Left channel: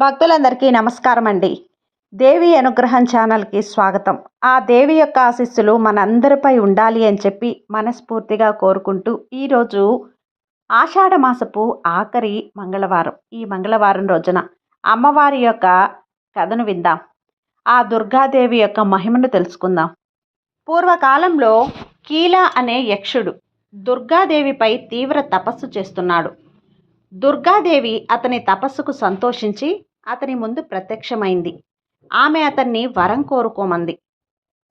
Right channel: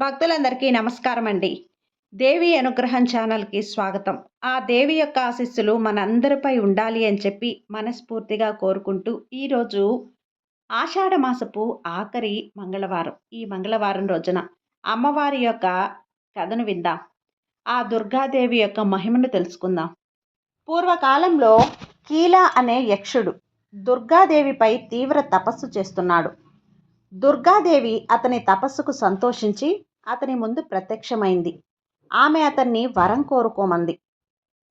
భక్తులందరికీ నమస్కారం అండి దేవి అనుగ్రహం ఛానల్కి స్వాగతం. ఆ దేవి యొక్క ఆశీస్సులు మనందరిపై ఉండాలి అని చెప్పి మనస్ఫూర్తిగా కోరుకుంటూ ఈరోజు ఆషాఢ మాసపు ఆఖరి మంగళవారం. ఈ మంగళవారం రోజున అమ్మవారి యొక్క కథను విందాం. ఆ దుర్గాదేవి యొక్క మహిమను తెలుసుకుందాం. పూర్వకాలంలో కీల అనే యక్షుడు దుర్గాదేవిపై తీవ్ర తపస్సు చేస్తున్నాడు. దుర్గాదేవి అతని తపస్సుకు సంతోషించి అతని ముందు ప్రత్యక్షమైంది. ఆమె అతన్ని వరం కోరుకోమంది.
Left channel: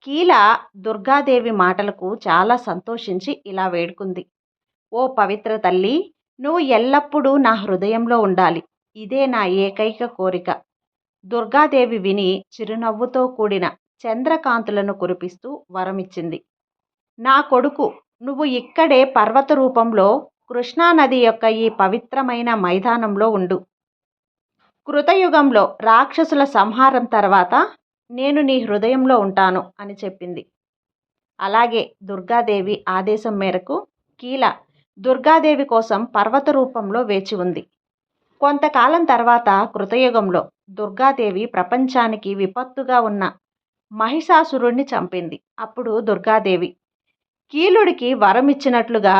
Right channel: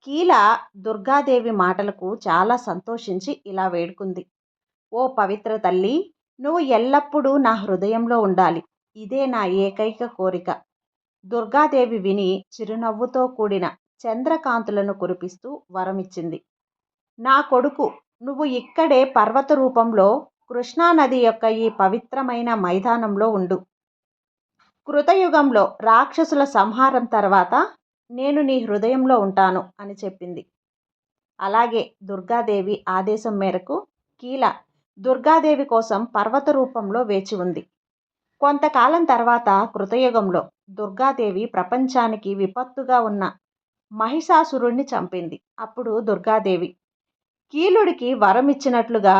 కీల దుర్గాదేవి మాటలకు చాలా సంతోషించి ఇలా వేడుకుంది. ఓ పవిత్ర తల్లి నువ్వు ఎల్లప్పుడూ నా హృదయంలో ఉండాలి. ఇదే నా ఏకైక కోరిక దుర్గాదేవి విని చిరునవ్వుతో కూడిన చంద్రకాంతులను కురిపిస్తూ వరమిచ్చింది. నా కొడుకు నువ్వు ఇక్కడే పర్వత రూపంలో కృష్ణానది యొక్క ఈ పవిత్రమైన మైదానంలో ఉండు. కృతయుగంలో రాక్షసుల సంహారం తర్వాత నేను నీ హృదయంలో ఉంటాను అని చెప్పింది. అలాగే దుర్గాదేవి ఆదేశం మేరకు కీల దుర్గాదేవి కోసం పర్వత రూపంలో వేచి ఉంది. కొంతకాలం తర్వాత కృతయుగంలో దుర్గాదేవి ప్రపంచానికి విపత్తుగా ఉన్న మహిషాసురుణ్ణి చంపింది. అప్పుడు దుర్గాదేవి కీలుడికి వరం ఇచ్చినట్లుగా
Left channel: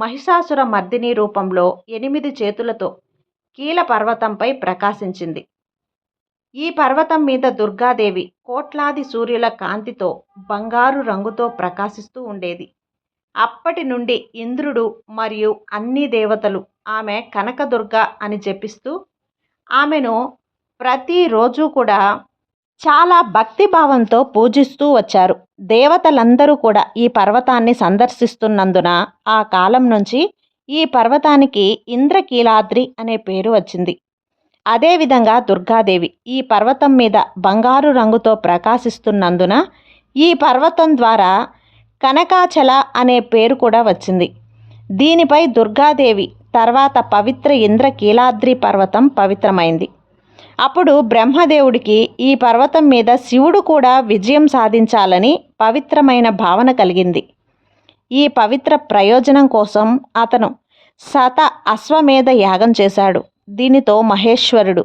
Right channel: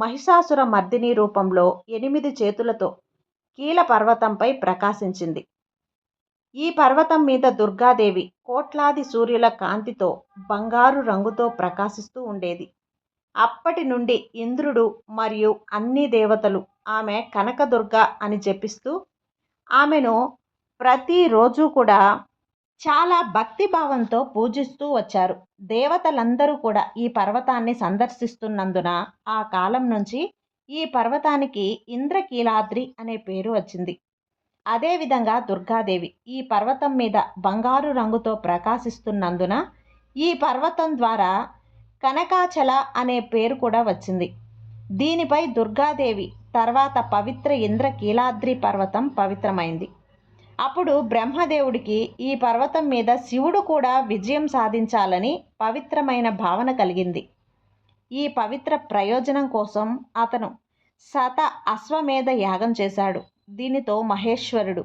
మహిషాసుర మర్దిని రూపంలో ఎనిమిది చేతులతో కీల పర్వతంపై ప్రకాశించింది. ఈ పర్వతం మీద దుర్గాదేవి కోట్లాది సూర్యుల కాంతితో బంగారు రంగుతో ప్రకాశిస్తూ ఉండేది. అప్పటి నుండి ఇంద్రుడు మరియు అన్ని దేవతలు ఆమె కనకదుర్గ అని జపిస్తూ ఆమెను ప్రతిరోజు కూడా చాలా భక్తిభావంతో పూజిస్తూ వచ్చారు. దేవతలందరూ కూడా ఈ పర్వతాన్ని సందర్శిస్తున్నందున ఆ కాలం నుంచి ఈ పర్వతానికి ఇంద్రకీలాద్రి అనే పేరు వచ్చింది. అదేవిధంగా దుర్గాదేవి ఈ పర్వతం మీద బంగారు రంగుతో ప్రకాశిస్తున్నందున ఈ పర్వతం ద్వారా కనకాచల అనే పేరు కూడా వచ్చింది. దీనిపై దుర్గాదేవి తర్వాత పవిత్ర ఇంద్రకీలాద్రి పర్వతం పవిత్రమైంది. అప్పుడు బ్రహ్మదేవుడికి ఈ పర్వతం మీద శివుడు కూడా విజయం సాధించాలని పవిత్రమైన భావన కలిగింది. ఈ పవిత్ర ప్రయోజనం కోసం అతను శత అశ్వమేధ యాగం చేశాడు. దీనితో మహేశ్వరుడు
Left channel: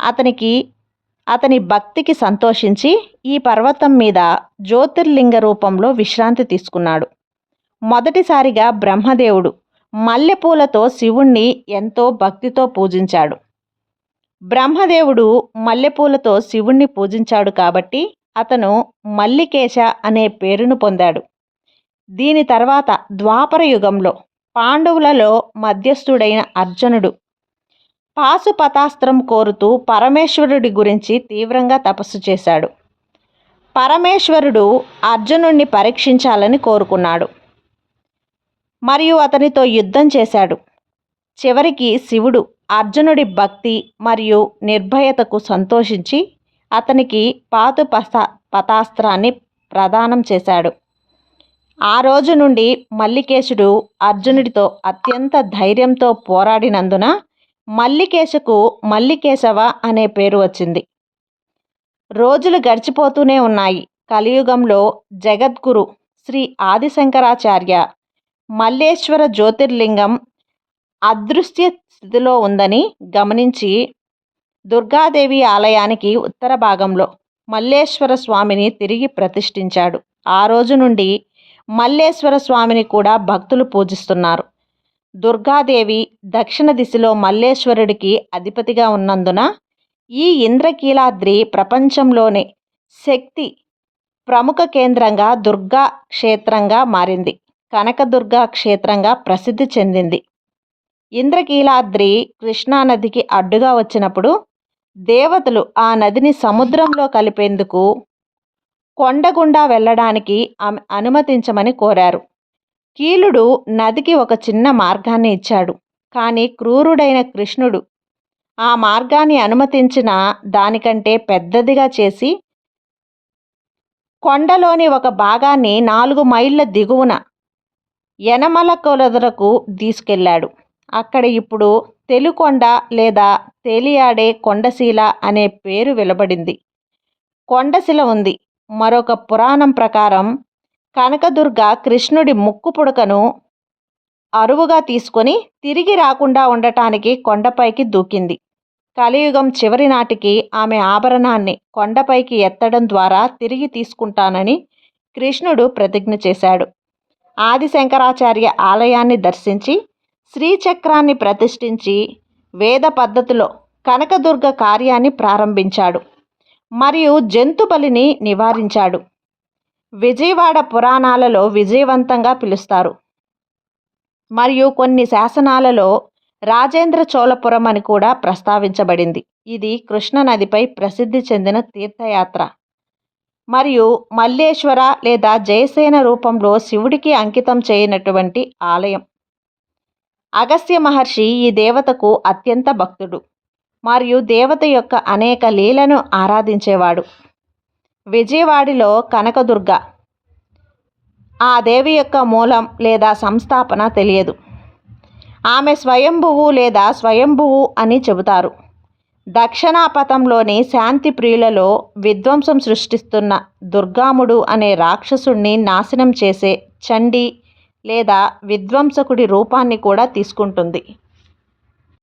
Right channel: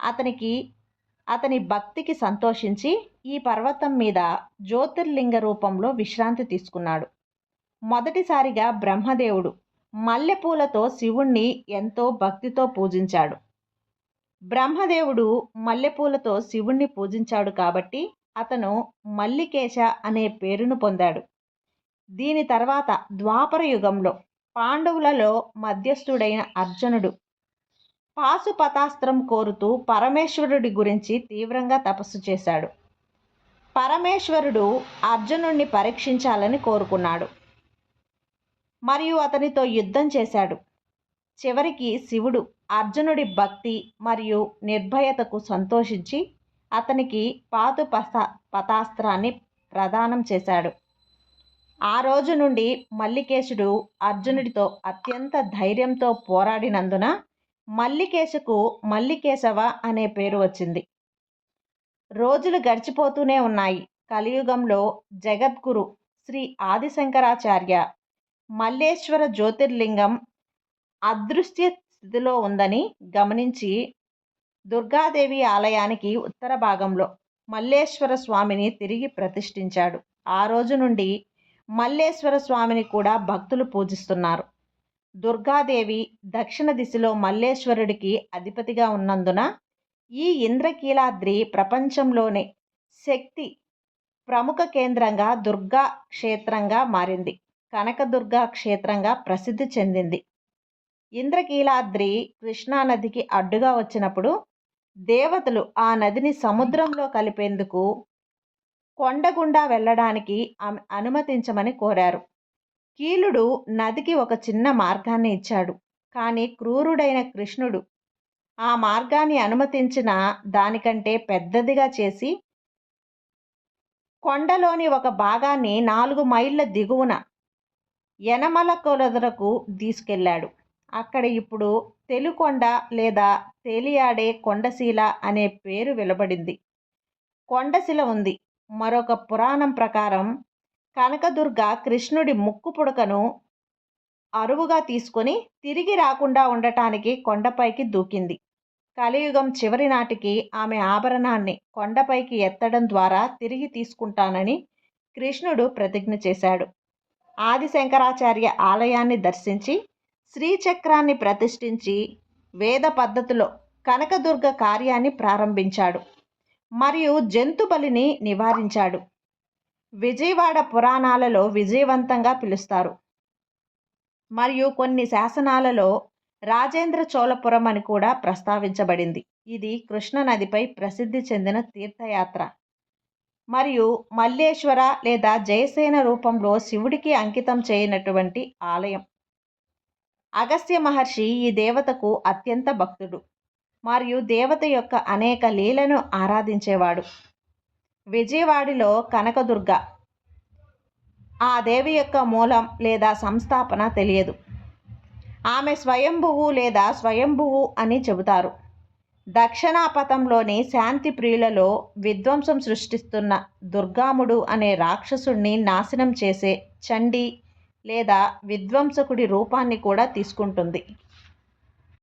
అతనికి అతని భక్తికి సంతోషించి ఈ పర్వతం మీద జ్యోతిర్లింగ రూపంలో విశ్రాంతి తీసుకున్నాడు. మొదటిసారిగా బ్రహ్మదేవుడు మల్లెపూలతో శివుణ్ణి ఎంతో భక్తితో పూజించాడు. బ్రహ్మదేవుడు మల్లెపూలతో శివుణ్ణి పూజించాడు కాబట్టి అతను మల్లికేశ అనే పేరును పొందాడు. దీని తర్వాత ద్వాపర యుగంలో పాండవులలో మధ్యస్థుడైన అర్జునుడు పాశుపతాస్త్రం కోరుతూ పరమేశ్వరుడి గురించి తీవ్రంగా తపస్సు చేశాడు. పరమేశ్వరుడు అర్జునుడిని పరీక్షించాలని కోరుకున్నాడు. మరియు అతనితో యుద్ధం చేశాడు. చివరికి శివుడు అర్జునుడి భక్తి మరియు నిర్భయతకు సంతోషించి అతనికి పాతు పస పతాస్త్రాన్ని ప్రదానం చేశాడు. ఆ రోజు నుండి మల్లికేశుడు అర్జునుడితో అత్యంత ధైర్యంతో పోరాడినందున మల్లికేశకు మల్లికేశవ అనే పేరు వచ్చింది. రోజులు గడిచిపోతూనే ఉన్నాయి. కలియుగంలో జగద్గురు శ్రీ ఆదిశంకరాచార్య మల్లేశ్వర జ్యోతిర్లింగం అదృశ్య స్థితిలో ఉందని గమనించి దుర్గాదేవి ఆలయానికి ఉత్తర భాగంలో మల్లేశ్వర స్వామిని తిరిగి ప్రతిష్ఠించాడు. ఆ రోజు నుండి మల్లేశ్వర స్వామిని కూడా భక్తులు పూజిస్తున్నారు. దుర్గాదేవి దక్షిణ దిశలో మల్లేశ్వరుడికి అధిపతిగా ఉన్నందున ఈ ఇంద్రకీలాద్రి ప్రపంచంలోనే శక్తి ప్రముఖ కేంద్రంగా దుర్గా క్షేత్రంగా మారింది. కనకదుర్గా క్షేత్రంగా ప్రసిద్ధి చెందింది. ఇంద్రకీలాద్రి కృష్ణానదికి అడ్డుగా వచ్చినప్పుడు దేవతలు ఆ నదిని సముద్రంలో కలిపేందుకు కొండగుండా వెళ్ళడానికి ఆమె అనుమతించమని కోరారు. కీలుడు నదికి ఒక చిన్న మార్గాన్ని ఇచ్చాడు. కానీ క్రూరుడైన కృష్ణుడు ఆ మార్గాన్ని అనుమతించిన దానికంటే పెద్దదిగా చేసి కొండలోని ఒక భాగాన్ని నాలుగు మైళ్ళ దిగువన యనమల కొలదరకు తీసుకెళ్ళాడు. అక్కడ ఇప్పుడు తెలుకొండ లేదా తేలియాడే కొండశీల అనే పేరు వెలబడింది. కొండశిల ఉంది. మరొక పురాణం ప్రకారం కనకదుర్గ కృష్ణుడి ముక్కు పుడకను అరువుగా తీసుకొని తిరిగి రాకుండా ఉండటానికి కొండపైకి దూకింది. కలియుగం చివరి నాటికి ఆమె ఆభరణాన్ని కొండపైకి ఎత్తడం ద్వారా తిరిగి తీసుకుంటానని కృష్ణుడు ప్రతిజ్ఞ చేశాడు. ఆది శంకరాచార్య ఆలయాన్ని దర్శించి శ్రీచక్రాన్ని ప్రతిష్ఠించి వేద పద్ధతిలో కనకదుర్గ కార్యాన్ని ప్రారంభించాడు. మరియు జంతు బలిని నివారించాడు. విజయవాడ పురాణాలలో విజయవంతంగా పిలుస్తారు. మరియు కొన్ని శాసనాలలో రాజేంద్ర చోళపురం అని కూడా ప్రస్తావించబడింది. ఇది కృష్ణనదిపై ప్రసిద్ధి చెందిన తీర్థయాత్ర. మరియు మల్లేశ్వర లేదా జయసేన రూపంలో శివుడికి అంకితం చేయనటువంటి ఆలయం. అగస్త్య మహర్షి ఈ దేవతకు అత్యంత భక్తుడు. మరియు దేవత యొక్క అనేక లీలను ఆరాధించేవాడు. విజయవాడిలో కనకదుర్గ. ఆ దేవి యొక్క మూలం లేదా సంస్థాపన తెలియదు. ఆమె స్వయంభువు లేదా స్వయంభువు అని చెబుతారు. దక్షిణాపథంలోని శాంతి ప్రియులలో విధ్వంసం సృష్టిస్తున్న దుర్గాముడు అనే రాక్షసుణ్ణి నాశనం చేసే చండి లేదా విధ్వంసకుడి రూపాన్ని కూడా తీసుకుంటుంది.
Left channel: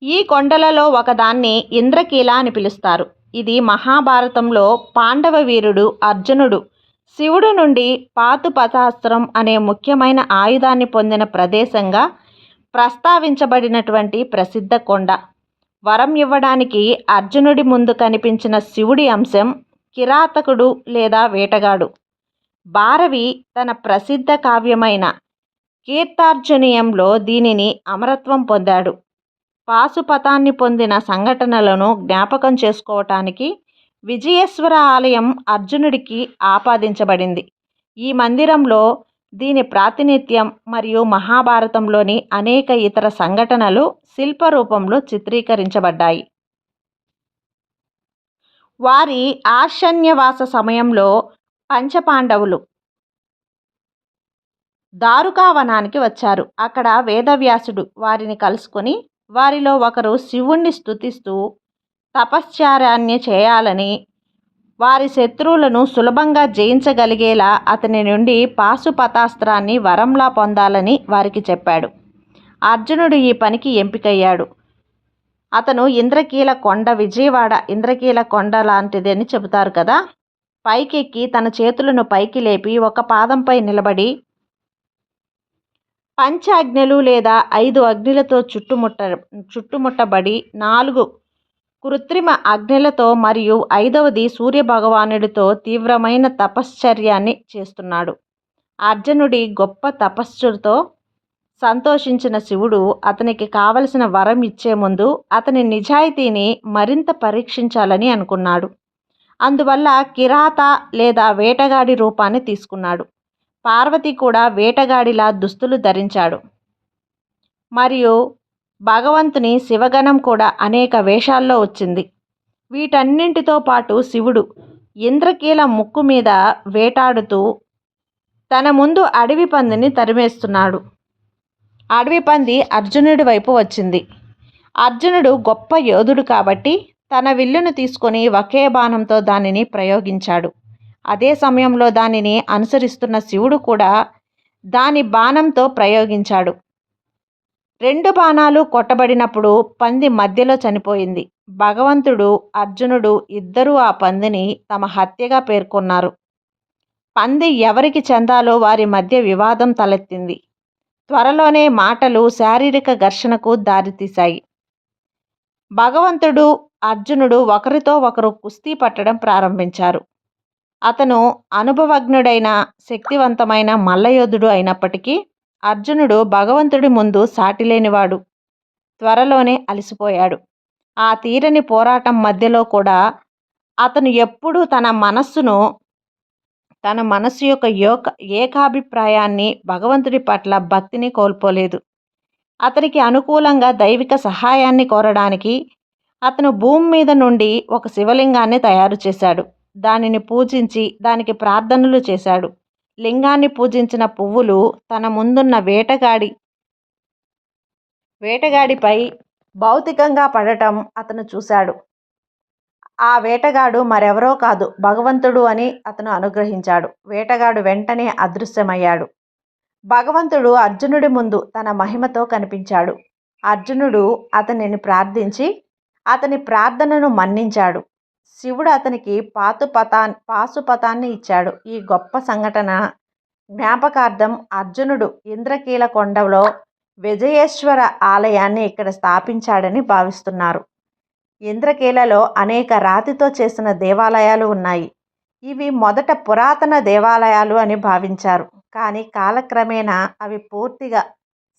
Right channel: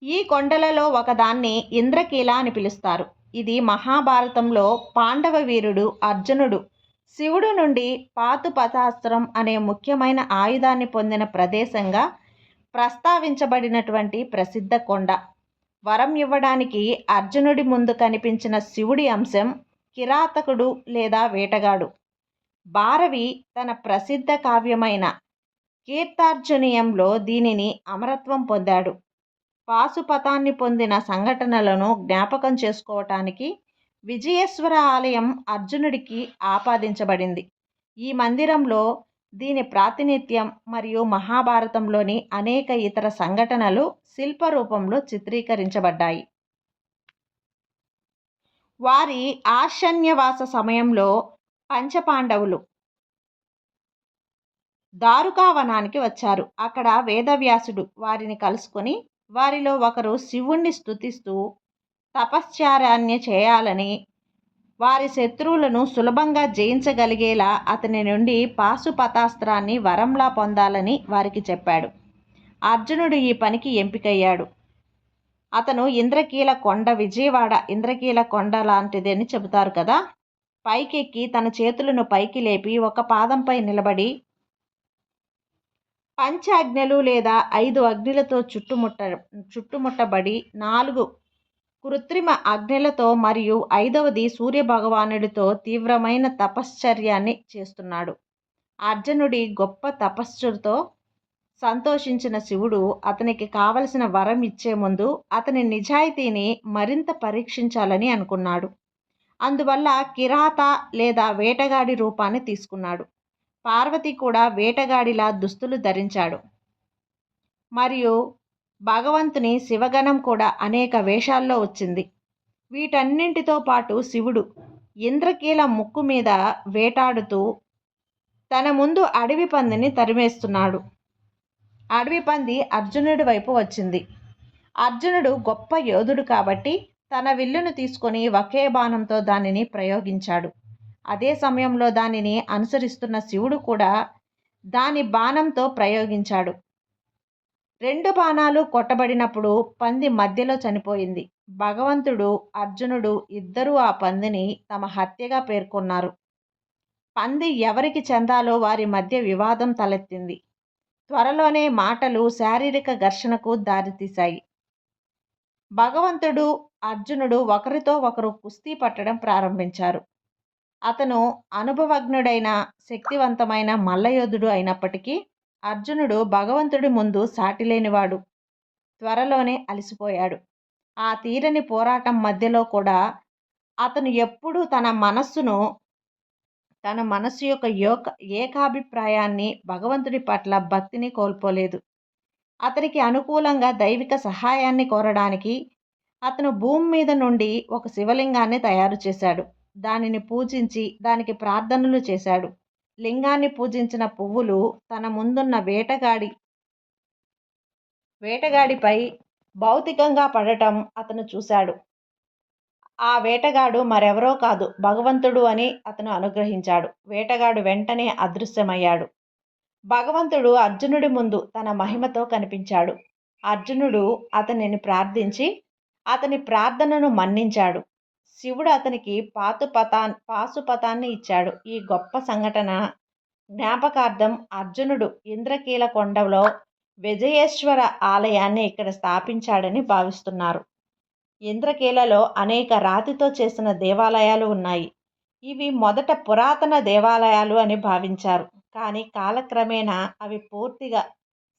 ఈ కొండలలో ఒకదాన్ని ఇంద్రకీల అని పిలుస్తారు. ఇది మహాభారతంలో పాండవ వీరుడు అర్జునుడు. శివుడు నుండి పాతుపతాస్త్రం అనే ముఖ్యమైన ఆయుధాన్ని పొందిన ప్రదేశంగా ప్రస్తావించబడినటువంటి ప్రసిద్ధ కొండ. వరం ఇవ్వడానికి అర్జునుడి ముందు కనిపించిన శివుడి అంశం కిరాతకుడు లేదా వేటగాడు. భారవి తన ప్రసిద్ధ కావ్యమైన కీర్తార్జునీయంలో దీనిని అమరత్వం పొందాడు. పాశుపతాన్ని పొందిన సంఘటనలను జ్ఞాపకం చేసుకోవటానికి విజయేశ్వర ఆలయం అర్జునుడికి ఆపాదించబడింది. ఈ మందిరంలో దీని ప్రాతినిధ్యం మరియు మహాభారతంలోని అనేక ఇతర సంఘటనలు శిల్ప రూపంలో చిత్రీకరించబడ్డాయి. వారి ఆశన్యవాస సమయంలో పంచపాండవులు దారుకావనానికి వచ్చారు. అక్కడ వేదవ్యాసుడు వారిని కలుసుకొని వారిలో ఒకరు శివుణ్ణి స్తుతిస్తూ తపశ్చారాన్ని చేయాలని వారి శత్రువులను సులభంగా జయించగలిగేలా అతని నుండి పాశుపతాస్త్రాన్ని వరంలా పొందాలని వారికి చెప్పాడు. అర్జునుడు ఈ పనికి ఎంపికయ్యాడు. అతను ఇంద్రకీల కొండ విజయవాడ ఇంద్రకీల కొండ లాంటిది అని చెబుతారు కదా? పైకెక్కి తన చేతులను పైకి లేపి ఒక పాదంపై నిలబడి పంచాగ్నులు లేదా ఐదు అగ్నులతో చుట్టుముట్ట చుట్టుముట్టబడి నాలుగు కృత్రిమ అగ్నులతో మరియు ఐదవది సూర్యభగవానుడితో తీవ్రమైన తపశ్చర్యాన్ని చేస్తున్నాడు. అర్జునుడి గొప్ప తపస్సుతో సంతోషించిన శివుడు అతనికి కావలసిన వరం ఇచ్చే ముందు అతని నిజాయితీని మరింత పరీక్షించాలని అనుకున్నాడు. అందువల్ల కిరాత లేదా వేటగాడి రూపాన్ని తీసుకున్నాడు. పార్వతి కూడా వేటగాడిలా దుస్తులు ధరించాడు. మరియు భగవంతుని శివగణం కూడా అనేక వేషాల్లో వచ్చింది. వీటన్నింటితో పాటు శివుడు ఇంద్రకీల ముక్కు మీద వేటాడుతూ తన ముందు అడవి పందిని తరిమేస్తున్నాడు. అడవి పంది అర్జునుడి వైపు వచ్చింది. అర్జునుడు గొప్ప యోధుడు కాబట్టి తన విల్లును తీసుకొని ఒకే బాణంతో దానిని ప్రయోగించాడు. అదే సమయంలో దానిని అనుసరిస్తున్న శివుడు కూడా దాని బాణంతో ప్రయోగించాడు. రెండు బాణాలు కొట్టబడినప్పుడు పంది మధ్యలో చనిపోయింది. భగవంతుడు అర్జునుడు ఇద్దరూ ఆ పందిని తమ హత్యగా పేర్కొన్నారు. పంది ఎవరికి చెందాలో వారి మధ్య వివాదం తలెత్తింది. త్వరలోనే మాటలు శారీరక ఘర్షణకు దారితీశాయి. భగవంతుడు అర్జునుడు ఒకరితో ఒకరు కుస్తీ పట్టడం ప్రారంభించారు. అతను అనుభవజ్ఞుడైన శక్తివంతమైన మల్లయోధుడు అయినప్పటికీ అర్జునుడు భగవంతుడి ముందు సాటిలేనివాడు. త్వరలోనే అలసిపోయాడు. ఆ తీరని పోరాటం మధ్యలో కూడా అతను ఎప్పుడూ తన మనస్సును తన మనస్సు యొక్క యోక ఏకాభిప్రాయాన్ని భగవంతుడి పట్ల భక్తిని కోల్పోలేదు. అతనికి అనుకూలంగా దైవిక సహాయాన్ని కోరడానికి అతను భూమి మీద నుండి ఒక శివలింగాన్ని తయారు చేశాడు. దానిని పూజించి దానికి ప్రార్థనలు చేశాడు. లింగాన్ని పూజించిన పువ్వులు తన ముందున్న వేటగాడి వేటగాడిపై భౌతికంగా పడటం అతను చూశాడు. ఆ వేటగాడు మరెవరో కాదు భగవంతుడు అని అతను అనుగ్రహించాడు. వేటగాడు వెంటనే అదృశ్యమయ్యాడు. భగవంతుడు అర్జునుడి ముందు తన మహిమతో కనిపించాడు. అర్జునుడు అతనిని ప్రార్థించి అతని ప్రార్థనను మన్నించాడు. శివుడు అతనికి పాతుపతా పాశుపతాన్ని ఇచ్చాడు. ఈ గొప్ప సంఘటన జ్ఞాపకార్థం అర్జునుడు ఇంద్రకీల కొండలో విజయేశ్వర ఆలయాన్ని ఇక్కడ స్థాపించాడని భావిస్తున్నారు. ఇంద్రకీలలో అనేక రాతితో చేసిన దేవాలయాలు ఉన్నాయి. ఇవి మొదట పురాతన దేవాలయాలు అని భావించారు. కానీ కాలక్రమేణా అవి పూర్తిగా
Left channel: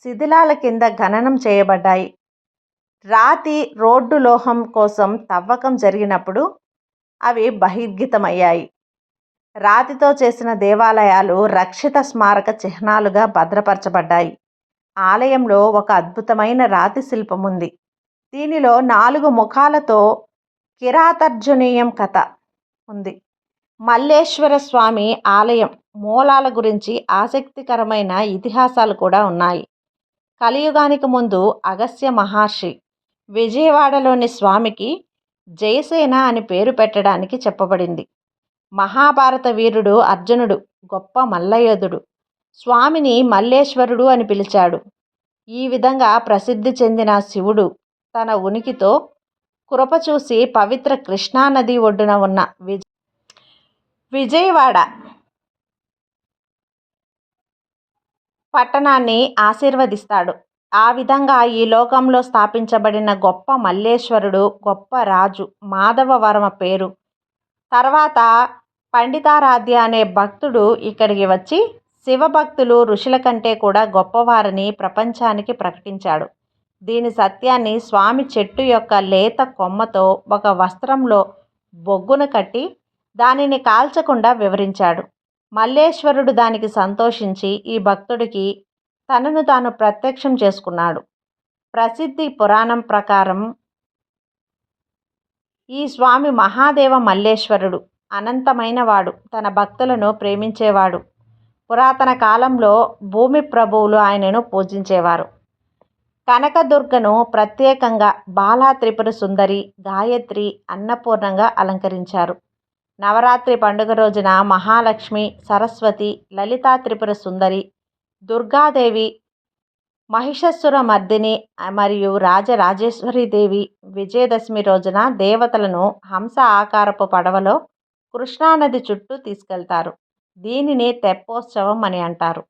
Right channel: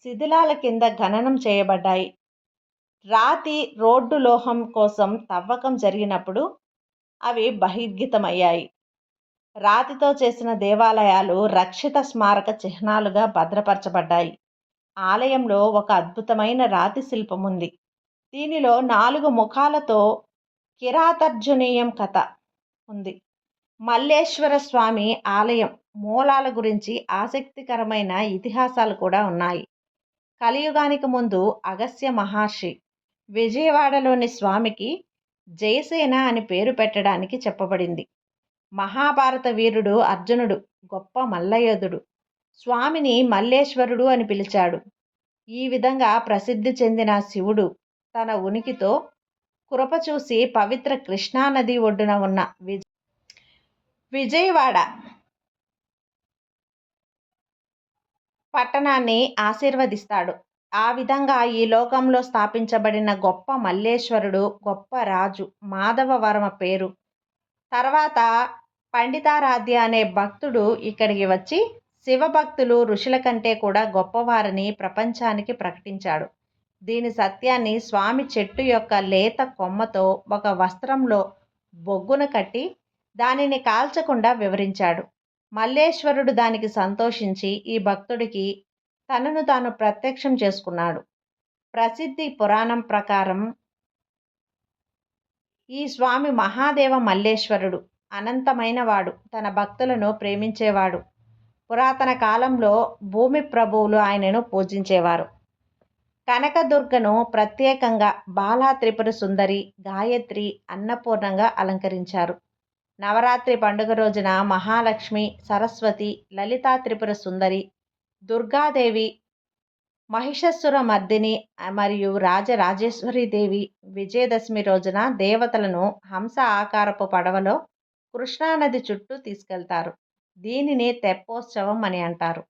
శిథిలాల కింద ఖననం చేయబడ్డాయి. రాతి రోడ్డు లోహం కోసం తవ్వకం జరిగినప్పుడు అవి బహిర్గతమయ్యాయి. రాతితో చేసిన దేవాలయాలు రక్షిత స్మారక చిహ్నాలుగా భద్రపరచబడ్డాయి. ఆలయంలో ఒక అద్భుతమైన రాతి శిల్పం ఉంది దీనిలో నాలుగు ముఖాలతో కిరాతర్జునీయం కథ ఉంది. మల్లేశ్వర స్వామి ఆలయం మూలాల గురించి ఆసక్తికరమైన ఇతిహాసాలు కూడా ఉన్నాయి. కలియుగానికి ముందు అగస్త్య మహర్షి విజయవాడలోని స్వామికి జయసేన అని పేరు పెట్టడానికి చెప్పబడింది. మహాభారత వీరుడు అర్జునుడు గొప్ప మల్లయోధుడు. స్వామిని మల్లేశ్వరుడు అని పిలిచాడు. ఈ విధంగా ప్రసిద్ధి చెందిన శివుడు తన ఉనికితో కృప చూసి పవిత్ర కృష్ణానది ఒడ్డున ఉన్న విజ విజయవాడ పట్టణాన్ని ఆశీర్వదిస్తాడు. ఆ విధంగా ఈ లోకంలో స్థాపించబడిన గొప్ప మల్లేశ్వరుడు గొప్ప రాజు మాధవవర్మ పేరు. తర్వాత పండితారాధ్య అనే భక్తుడు ఇక్కడికి వచ్చి శివభక్తులు ఋషుల కంటే కూడా గొప్పవారని ప్రపంచానికి ప్రకటించాడు. దీని సత్యాన్ని స్వామి చెట్టు యొక్క లేత కొమ్మతో ఒక వస్త్రంలో బొగ్గును కట్టి దానిని కాల్చకుండా వివరించాడు. మల్లేశ్వరుడు దానికి సంతోషించి ఈ భక్తుడికి తనను తాను ప్రత్యక్షం చేసుకున్నాడు. ప్రసిద్ధి పురాణం ప్రకారం ఈ స్వామి మహాదేవ మల్లేశ్వరుడు అనంతమైన వాడు తన భక్తులను ప్రేమించేవాడు. పురాతన కాలంలో భూమి ప్రభువులు ఆయనను పూజించేవారు. కనకదుర్గను ప్రత్యేకంగా బాలా త్రిపుర సుందరి గాయత్రి అన్నపూర్ణంగా అలంకరించారు. నవరాత్రి పండుగ రోజున మహాలక్ష్మి సరస్వతి లలితా త్రిపుర సుందరి దుర్గాదేవి మహిషస్సుర మర్దిని మరియు రాజరాజేశ్వరీదేవి విజయదశమి రోజున దేవతలను హంస ఆకారపు పడవలో కృష్ణానది చుట్టూ తీసుకెళ్తారు. దీనిని తెప్పోత్సవం అని అంటారు.